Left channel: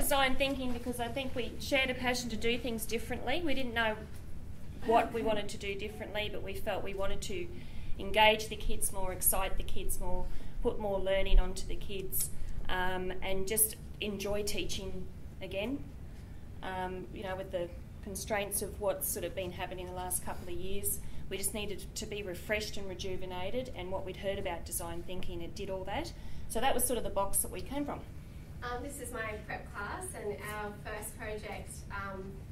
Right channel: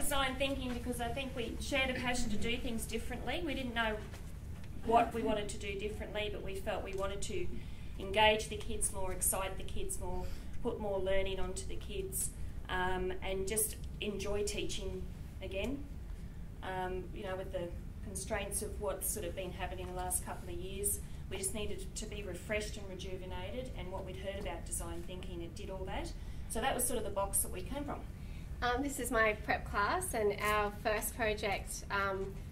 design thinking because I think we shared a passion to do things differently. We didn't know what we wanted to do differently, but we felt we wanted to engage the kids more, excite the kids more, put more learning onto the kids, and just enjoy teaching again. You know, with the constraints of what's sort of been happening in the last couple of years, we just needed to be refreshed and rejuvenated, and what we'd heard about design thinking, it did all that. So that was sort of the box that we came from. This is my prep class, and our first project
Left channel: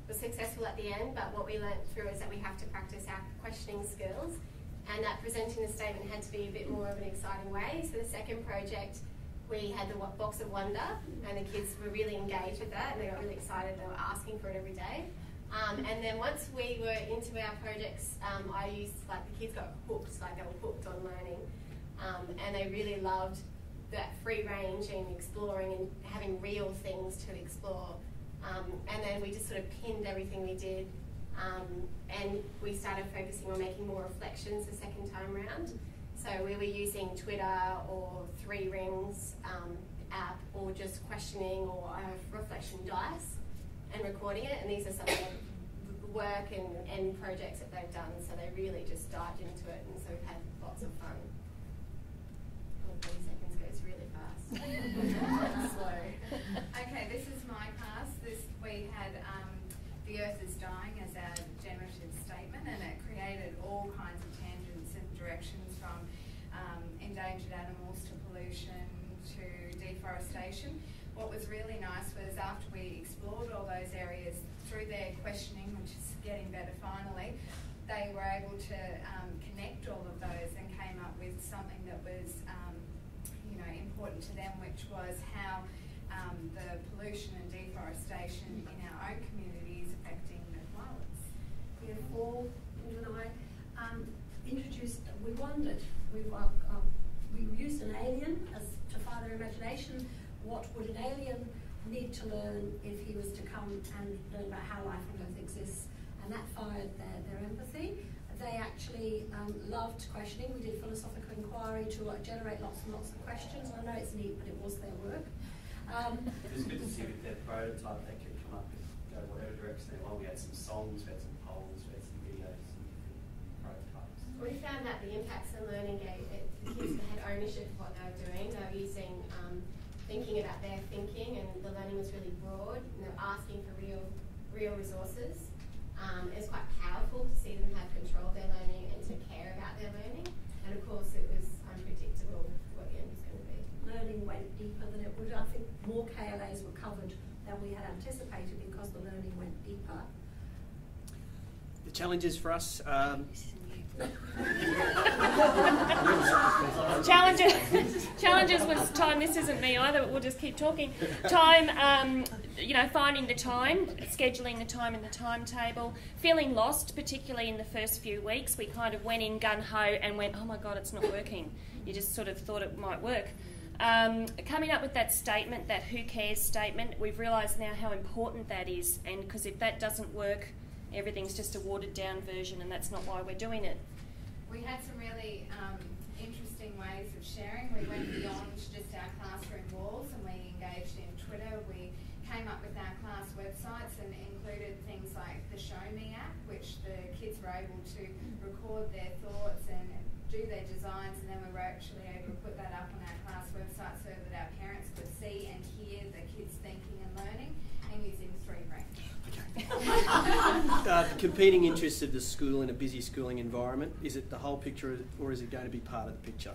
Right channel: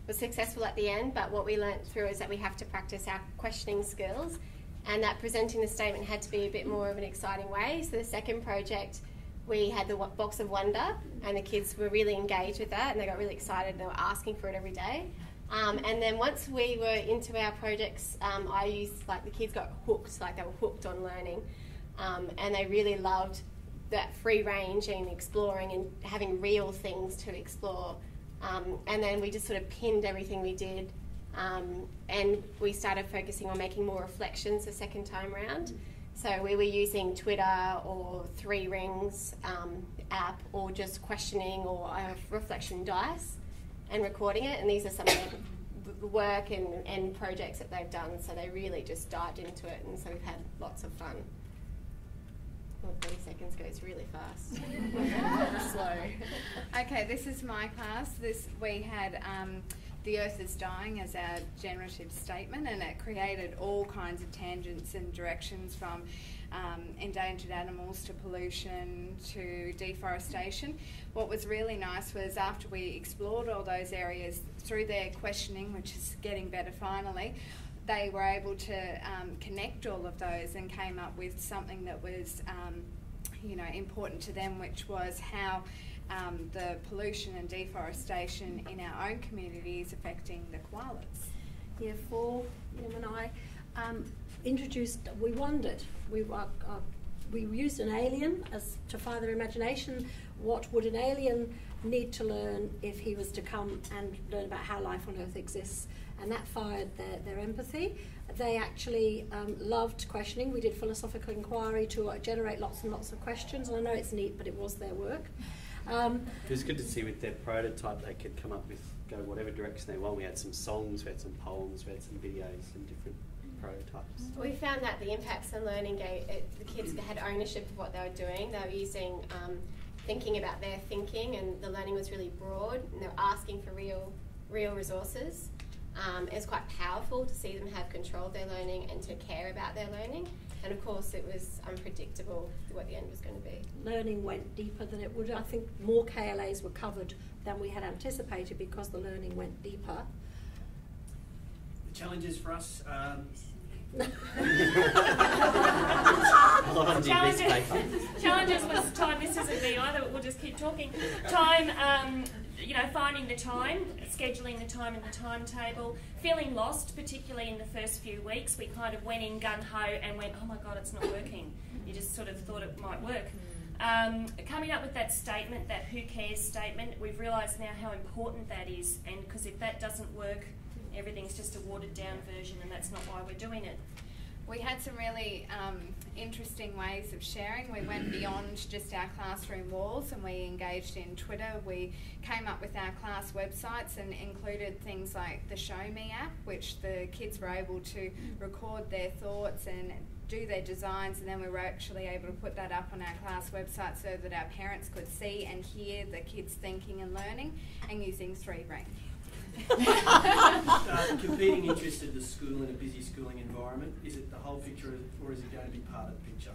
was successful at the end, but what we learnt through is that we have to practice our questioning skills, and that presenting the statement had to be a bit more of an exciting way. So the second project, we had the box of wonder, and the kids were really engaged with that, and they got really excited, and they were asking for it every day. And then once we were into our projects, I used, like, the kids got hooked, like they were hooked on learning, and they really loved that free range and exploring and having real things to explore. And then we just sort of pinned everything we did, and we started focusing on making more reflections the second time round. So we were using Twitter or 3 Rings app, or just questioning or reflection dice and recording it, and these are some of the work and projects that they've done, so they really just dived into it, and so we've had lots of fun. 30 seconds goes really fast. Slow. Okay, this is my class. We had The Earth is Dying as our generative statement, and it created all kinds of tangents and directions, from endangered animals to pollution to deforestation. What was really nice was after we explored all those areas through their questioning, which is getting better finally, they were able to connect all of those and came up with something that was you know, important to them, which was how the pollution and deforestation in our own community is affecting the koalas. Yeah, Liv and I introduced, we wondered, we used an alien as to fire their imagination. What would an alien need to learn if he was to come and learn about how life on Earth exists? And that fired their empathy. They actually loved questioning. We did philosophical inquiry to generate lots and lots of questions, and I know it's neat, but it was their work. It was good to see with their prototype they could come up with, go whatever direction they want. We had some songs, we had some poems, we had some videos, some different prototypes. We found that the impacts on learning the kids had ownership of what they were doing. They were using, thinking about their thinking, and the learning was really broad, and they were asking for real resources. It was quite powerful to see them have control of their learning and to care about their learning. And of course it was unpredictable what the end was going to be. Learning went deeper than it would. I think more KLAs were covered than we had anticipated because the learning went deeper. The challenges for us... Challenges was time. This isn't me either, but we'll just keep talking. Time, you know, finding the time, scheduling the time in the timetable, feeling lost, particularly in the first few weeks. We kind of went in gun-ho and went, oh my God, it's not working. You just sort of thought it might work. Coming up with that statement, that who cares statement, we've realised now how important that is, and because if that doesn't work, everything's just a watered down version, and that's not why we're doing it. We had some really interesting ways of sharing. We went beyond just our classroom walls, and we engaged in Twitter. We came up with our class websites and included things like the Show Me app, which the kids were able to record their thoughts and do their designs, and then we were actually able to put that up on our class website so that our parents could see and hear the kids thinking and learning, and using 3 Rings. Competing interests of the school in a busy schooling environment. Is it the whole picture, or is it going to be part of the picture?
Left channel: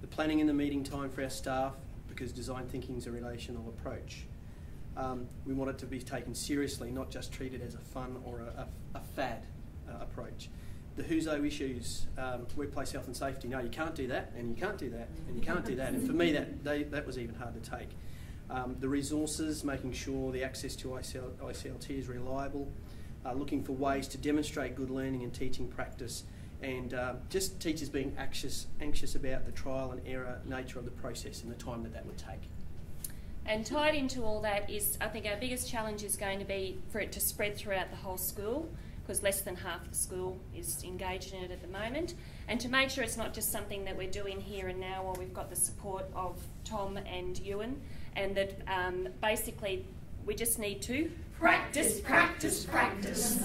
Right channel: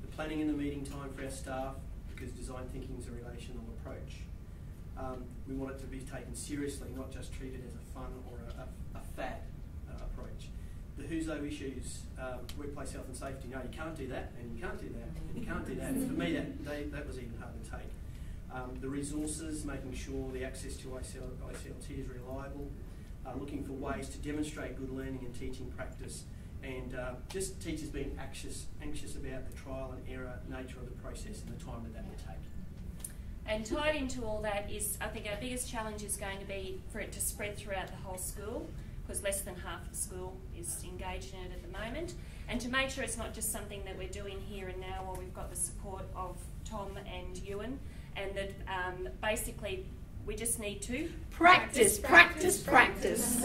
The planning and the meeting time for our staff, because design thinking is a relational approach. We want it to be taken seriously, not just treated as a fun or a fad approach. The who's-o issues, workplace health and safety. No, you can't do that, and you can't do that, and you can't do that. And for me, that was even hard to take. The resources, making sure the access to ICLT is reliable, looking for ways to demonstrate good learning and teaching practice, and just teachers being anxious about the trial and error nature of the process and the time that would take. And tied into all that is, I think our biggest challenge is going to be for it to spread throughout the whole school, because less than half the school is engaged in it at the moment, and to make sure it's not just something that we're doing here and now while we've got the support of Tom and Ewan, and that basically We just need to practice, practice, practice.